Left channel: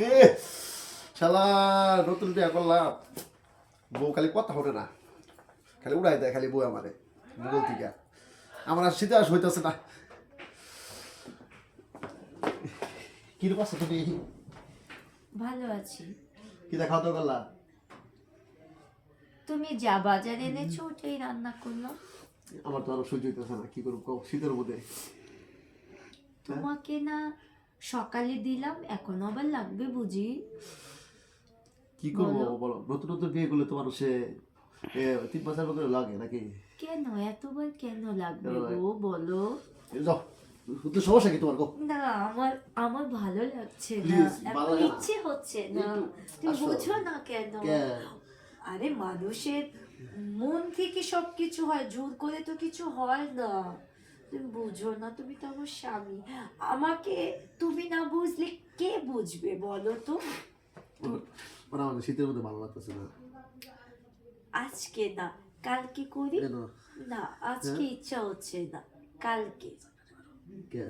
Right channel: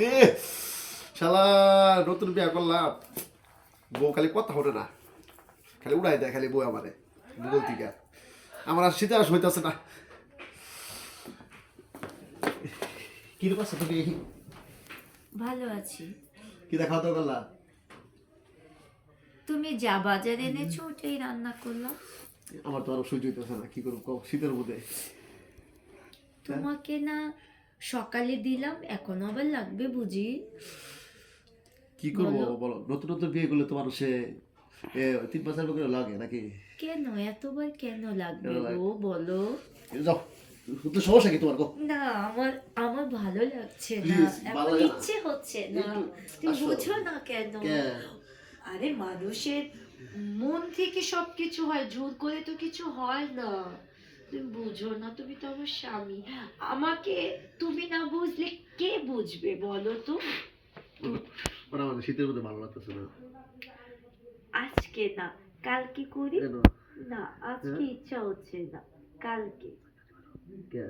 রে শালা নতুন বিয়া করলাম বউ খালি কথা হতে না খালি উড়াই দেয় খালি বউ আমারে ভূগোল থেকে আমার আর শীতে আস হইতেছে না কিরকম আছে তুমি ভালো আছি। কি দেখা তো করলা তুমি যা বাজার এনেছো ওটাই রান্না করলাম। আমার তো আরো সহ্য হইতেছে না কি করবো শীতের মধ্যে তোমাকে না সকালে দিলাম, এখন আবার লাগবে বুঝি? কি করবো বলো নতুন নতুন বিয়ে করলে তোমার সে 3 বছর করে লাগে নাকি কেন এতবার কেন লাগবে গো বলো? যাও তো সমস্যা কি তোমার গো না আমার আমার ভালো লাগছে না, Please, এখন ভালো লাগে না। ইচ্ছে হচ্ছে না। তুমি আসো। বুঝো না কেন? আরে মানুষের মন থেকে সবকিছু হয়, জোর করে তো কিছু হয় না। তুমি বুঝো না, তুমি তো আমার স্বামী। আমাকে তুমি না বুঝলে কে বুঝবে বলো তো? ওরা আমাদের শীতের মধ্যে ভালো লাগতেছে না আজকে না, কালকে করি। কেন না আজকে ইচ্ছা হচ্ছে না, কালকে। কে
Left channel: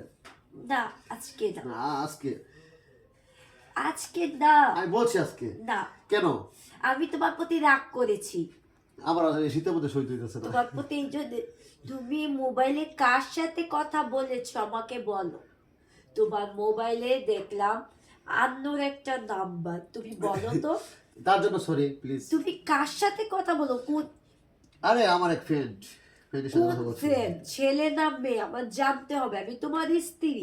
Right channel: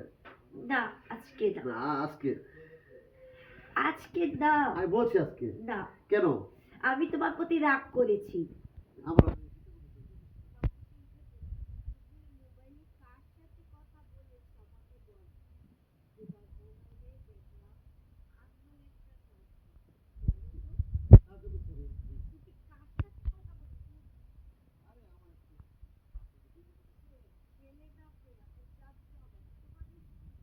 না আজকে না, না আজকে আজকে না। আমি বলছি আজকে না কেন আমি তোমার প্রতি রাগ করেছি। আমার আসলে শীতের মধ্যে সহ্য হইতেছে না তোমার প্রতি এই যে তুমি মোবাইলে কার সাথে কথা বলেছো আমাকে বলো। তোমার মোবাইলে দেখলাম আন্নোর একটা নাম্বার, তুমি বলো তো তার জন্য সরি প্লিজ তুমি কার সাথে কথা বলো? কোন আরে আমার এক ফ্রেন্ডের সাথে কোন কথা বলছি ফ্রেন্ড, ছেলে না মেয়ে আমার জানতে হবে। আমি তোমার স্ত্রী,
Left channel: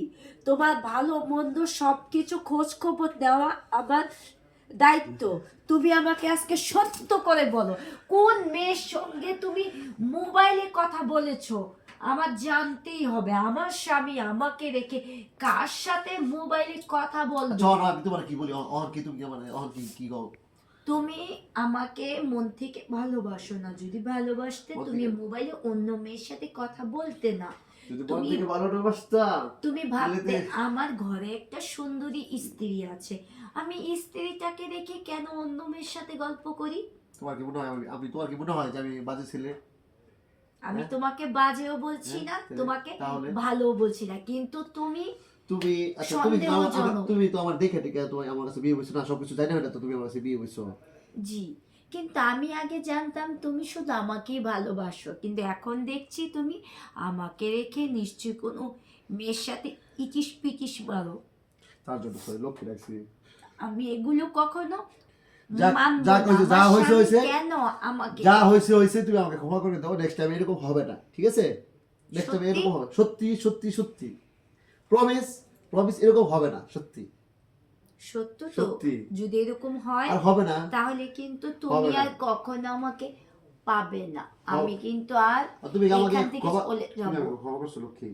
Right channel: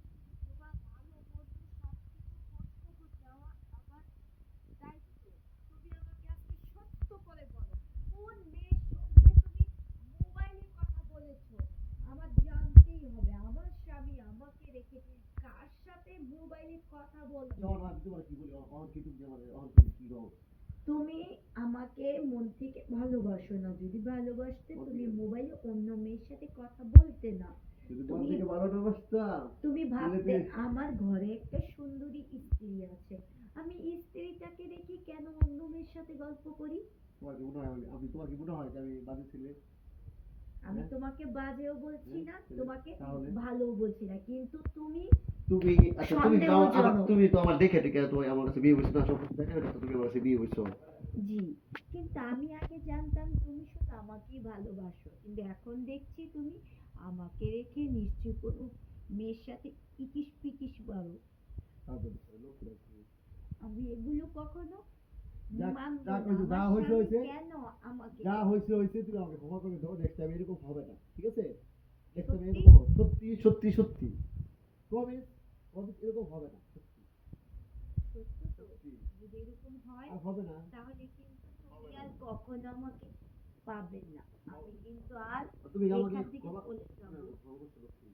তোমার ভালো মন্দ সবকিছু খোঁজ খবর দেওয়া আমার দায়িত্ব। তুমি আমাকে আজকে সত্য করে বলো, কোন মেয়ের সঙ্গে তুমি মোবাইলে কথা বলেছো? আমার জানতেই হবে। আমার স্বামী আমাকে রেখে কার সাথে মোবাইলে কথা বলবে? জন আমি তোমার কি বলি অহন কি তুমি মানে অহন কি কি গো তুমি আমাকে মন থেকে ভালোবাসো না। যদি ভালোবাসতে মন তুমি থেকে? মোবাইলে অন্য মেয়ের সাথে কথা বলতে না। যদি মন তুমি থেকে ভালো বাসতাম তুমি ভাবতে তাহলে আমার ঘরে একটা সুন্দরী স্ত্রী আছে, আমি স্ত্রীটাকে রেখে কেন অন্য মেয়ের সাথে গল্প করি? তোমার কি মনে হয় আমি তোমার কি মনে হয় যে আমি বাজে ছেলে আমি হ্যাঁ? তোমাকে বাজেও বলছি না, হ্যাঁ, তোমাকে তাহলে? ভালোও বলছি না, কিন্তু তুমি তুমি আচ্ছা সন্দেহজনক। তুমি তো আমার দেখে টেকে তুমি আমার কাছে বিয়ে হইছো না সব কিছু জানি না তো তুমি আমার কাছে বিয়ে হইছো জি, কিন্তু আমি আগে জানতাম তুমি শুধু আমাকেই ভালোবাসো, কিন্তু এখন দেখছি তুমি আমাকে রেখে নিশ্চয়ই কোনো মেয়ের সাথে ইটিস পিটিস মারো। তার জন্য সরি লক্ষ্য রাখছি আমি এগুলো কখনো যা মানবো যা না। কইছো যা আমার হইছে স্বামী হইছে কেন আমাকে যা হইছে হইছে তুমি আমাকে ক্ষমা করে দাও নেক্সট টাইম এরকম হবে না ঠিক আছে নেক্সট টাইম সত্যি? এরকম হবে সত্যি সত্যি সত্যি প্রমিস প্রমিস এরকম হবে না সত্যি সত্য তো? সত্যি। যদি এরকম হয় আর হবে না তাহলে কিন্তু তুমি হবে না। আর কখনো আমাকে পাবে না। আমি কিন্তু আর আর তুমি আমাকে এখান থেকে ক্ষমা চলে তুমি যাবো। আমাকে ক্ষমা করছো লক্ষ্মী